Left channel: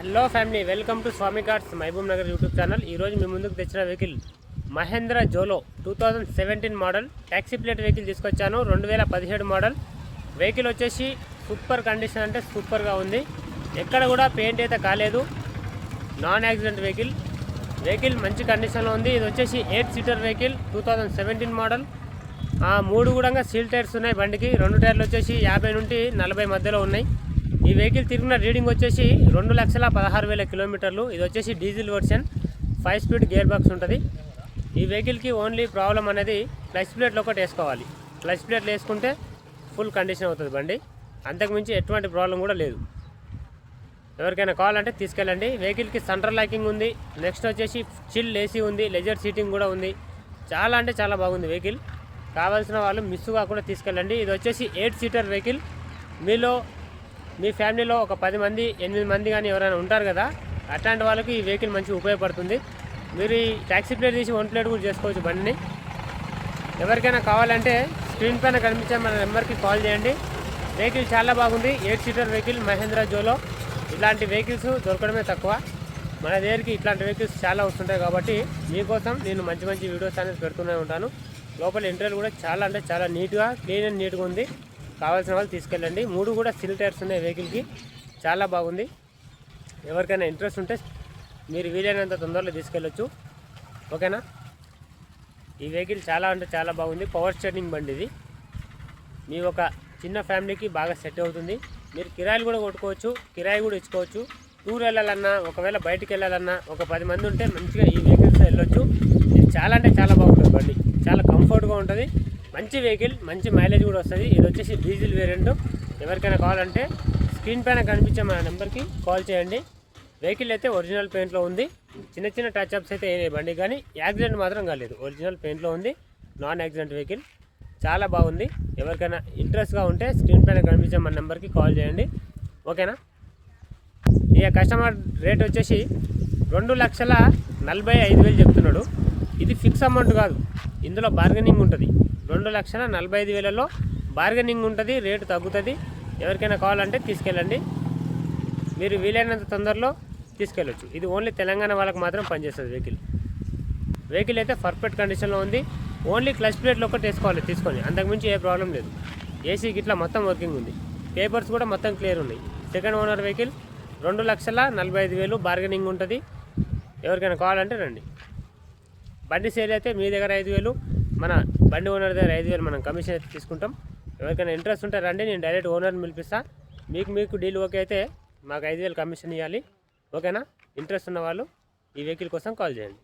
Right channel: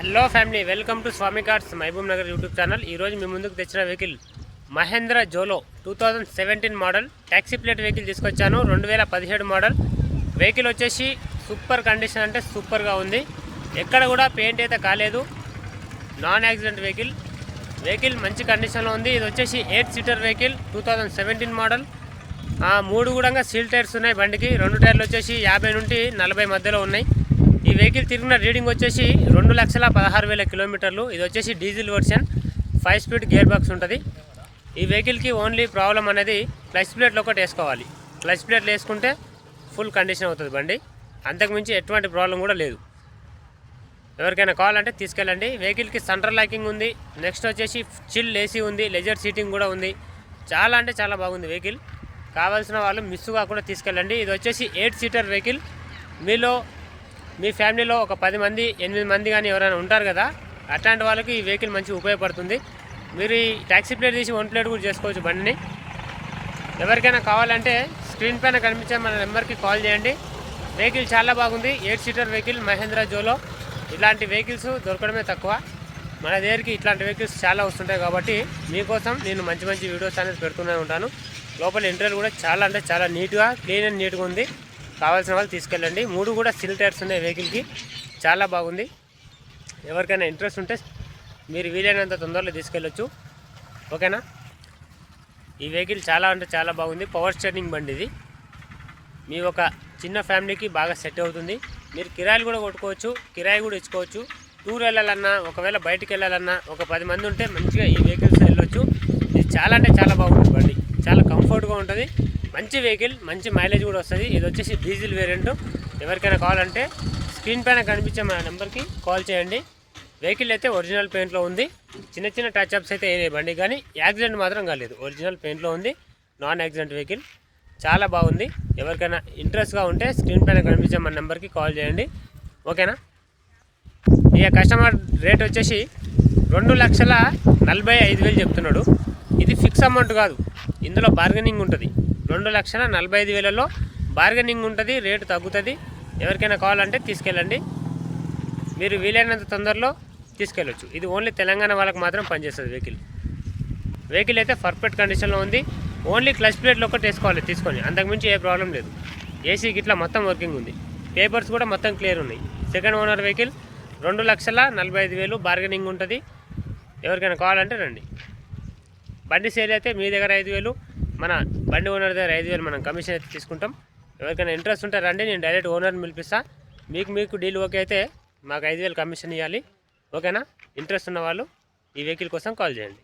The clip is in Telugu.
Hello family, welcome to Swami cars Mahabubnagar YouTube channel. ఈరోజు మీ ముందుకు తెచ్చిన vehicle Mahindra Xylo 2017 model taxi plate vehicle తీసుకొచ్చాను. 2017 మోడల్ వెహికల్ వచ్చేసి సూపర్ కండిషన్ అంటే సూపర్గా ఉంది. ఎక్కడ కూడా పెయింట్ అయితే కాలేదు. నాన్ యాక్సిడెంట్ వెహికల్ మంచి కండిషన్లో ఉంది. ఇది వచ్చేసి 8 సీటర్ వెహికల్ 2017 మోడల్. 3 కూడా సీల్ టైర్స్ ఉన్నాయి బండికి. 2 టైర్లు వచ్చేసి 50 నుండి 40 మధ్యలో ఉన్నాయి. ఈ వెహికల్ తిరిగిన రీడింగ్ వచ్చేసి 2,16,000 కిలోమీటర్లు. ఇది వచ్చేసి diesel version, 5 speed gear box ఉంటుంది. ఈ వెహికల్కి ఓన్లీ ప్రాబ్లం అనేది క్లచ్ ప్లేట్లు ఒకటి వేసుకోవాలి. క్లచ్ ప్లేట్లు వేసుకుంటే ఫుల్ కండిషన్ అవుతుంది బండి. అంతకుమించి ఎటువంటి ప్రాబ్లం కూడా లేదు. ఎవరికైనా కావాలంటే తీసుకెళ్ళండి. వెహికల్కి సెంట్రల్ లాకింగ్ ఉంది. నెక్స్ట్ వచ్చేసి చిల్ ఏసీ ఉంది, లెజర్ సీటింగ్ కూడా ఉంది. చాలా అంటే చాలా బాగుంది వెహికల్. కావాల్సిన వాళ్ళు మిస్ కాకుండా తీసుకెళ్ళండి. ఇది వచ్చేసి 8 సీటర్ వెహికల్. మీ ఫ్యామిలీలో ఒక 10 మంది 8 మంది కానీ ఎవరైనా ఉంటారు కదా, అట్లాంటి వాళ్ళకి ఈ వెహికల్ మంచిగా ఉపయోగపడుతుంది. మీరు ఈ ట్యాక్సీ ప్లేట్ తీసి 1 ప్లేట్ కూడా చేసుకోవచ్చు బండిని. ఎవరికైనా కావాలంటే స్క్రీన్ పైన కనిపించే మన నెంబర్కి కాల్ చేయండి. వెహికల్ చాలా బాగుంది. 8 సీటర్ వెహికల్ మహేంద్ర జోలో. ఇలాంటి వెహికల్స్ దొరకడమే తక్కువ. మన దగ్గరికి ఇట్లాంటి వెహికల్స్ చాలా వస్తుంటాయి కాబట్టి మీకోసం నేను మంచి మంచి వీడియోస్ అనేది పెడుతూనే ఉంటాను. లోపల ఇంటీరియర్ కూడా చాలా అంటే చాలా నీట్గా, క్లీన్ అండ్ నీట్గా ఉంది. కావాల్సిన వాళ్ళు తీసుకెళ్ళండి. 3 కూడా సిల్ టైర్స్ ఉన్నాయి వెహికల్కి. చాలా బాగుంది. ఎవరికైనా ఇంట్రెస్ట్ ఉంటే మీరు వీలైనంత తొందరలో తీసుకెళ్ళొచ్చు. ఓకేనా? ఈ వెహికల్ చాలా అంటే చాలా బాగుంది. పవర్ స్టీరింగ్ బండి ఇది. మీ ఒక చిన్న ఫ్యామిలీకి బాగా సెట్ అవుతుంది. మీరు కిరాయిలు కూడా కొట్టుకోవచ్చు, కిరాయి కూడా ఇచ్చుకోవచ్చు. టూర్ వెళ్ళాలన్నా, ఒకవేళ బయటికి వెళ్ళాలన్నా, ఒక 10 మంది ఉంటే మంచిగా ఈ వెహికల్స్ వెళ్ళొచ్చు. ఇది చాలా అంటే చాలా బాగుంటుంది బండి. చాలా కంఫర్ట్గా ఉంటుంది. మంచి వెహికల్, మంచి మైలేజ్ కూడా వస్తుంది. ఇది వచ్చేసి డీజిల్ వేరియంట్. ఎవరికైనా కావాలంటే స్క్రీన్ పైన కనిపించే మన నెంబర్కి కాల్ చేయండి. వెహికల్ అయితే ఒరిజినల్ పెయింట్లో ఉంది. చిన్న చిన్న టచ్ అప్స్ అయితే ఏ బండి కానీ యాక్సిడెంట్ మాత్రం కాలేదు. ఒరిజినల్ పెయింట్లో ఉంది. Non accident vehicle. చాలా బాగుంది. ఎవరికైనా ఇంట్రెస్ట్గా ఉంటే స్క్రీన్ పైన కనిపించే మన నెంబర్కి కాల్ చేయండి. ఓకేనా? ఇక కస్టమర్ రేట్ వచ్చేసి 2,45,000 చెప్తున్నాడు. ఇది ఫిక్స్ అమౌంట్ కాదు, ఇందులో బార్గెనింగ్ ఉంటుంది. 2,45,000లో బార్గెనింగ్ ఉంటుంది, రేటు తగ్గుతుంది. ఎవరికైనా కావాలంటే తీసుకెళ్ళండి. మీరు వీలైనంత తొందరలో తీసుకెళ్ళొచ్చు. ఇది ఓన్లీ తెలంగాణ వాళ్ళకి మాత్రం పనిచేస్తుంది వెహికల్ అయితే పర్ఫెక్ట్ కండిషన్లో ఉంది. ఓన్లీ క్లచ్ ప్లేట్లు ఒకటి వేసుకోవాలి తీసుకొని, అంతకుమించి ఏ ప్రాబ్లం లేదు. ఏసీ గిట్లా మొత్తం వర్కింగ్ ఉంది. పేపర్స్ కూడా మొత్తం క్లియర్ ఉన్నాయి. Second owner vehicle. 2,45,000 బార్గెనింగ్ ఉంటుంది. ఎవరికైనా కావాలంటే రండి. బండి సేల్ అయితే మీ దగ్గర 5,000, మన బండి ఓనర్ దగ్గర 5,000 మనం కమిషన్ అయితే తీసుకుంటాం. ఎవరికైనా ఇంట్రెస్ట్ ఉంటే రండి, నేను డైరెక్ట్ ఓనర్ని పిలిపిస్తా. మీకు డీల్ ఓకే అయితే మాకు 5,000 కమిషన్ ఇవ్వాలి. ఓకేనా? ఇంట్రెస్ట్ ఉన్న వాళ్ళు ఈ వెహికల్ కోసం కాల్ చేయండి.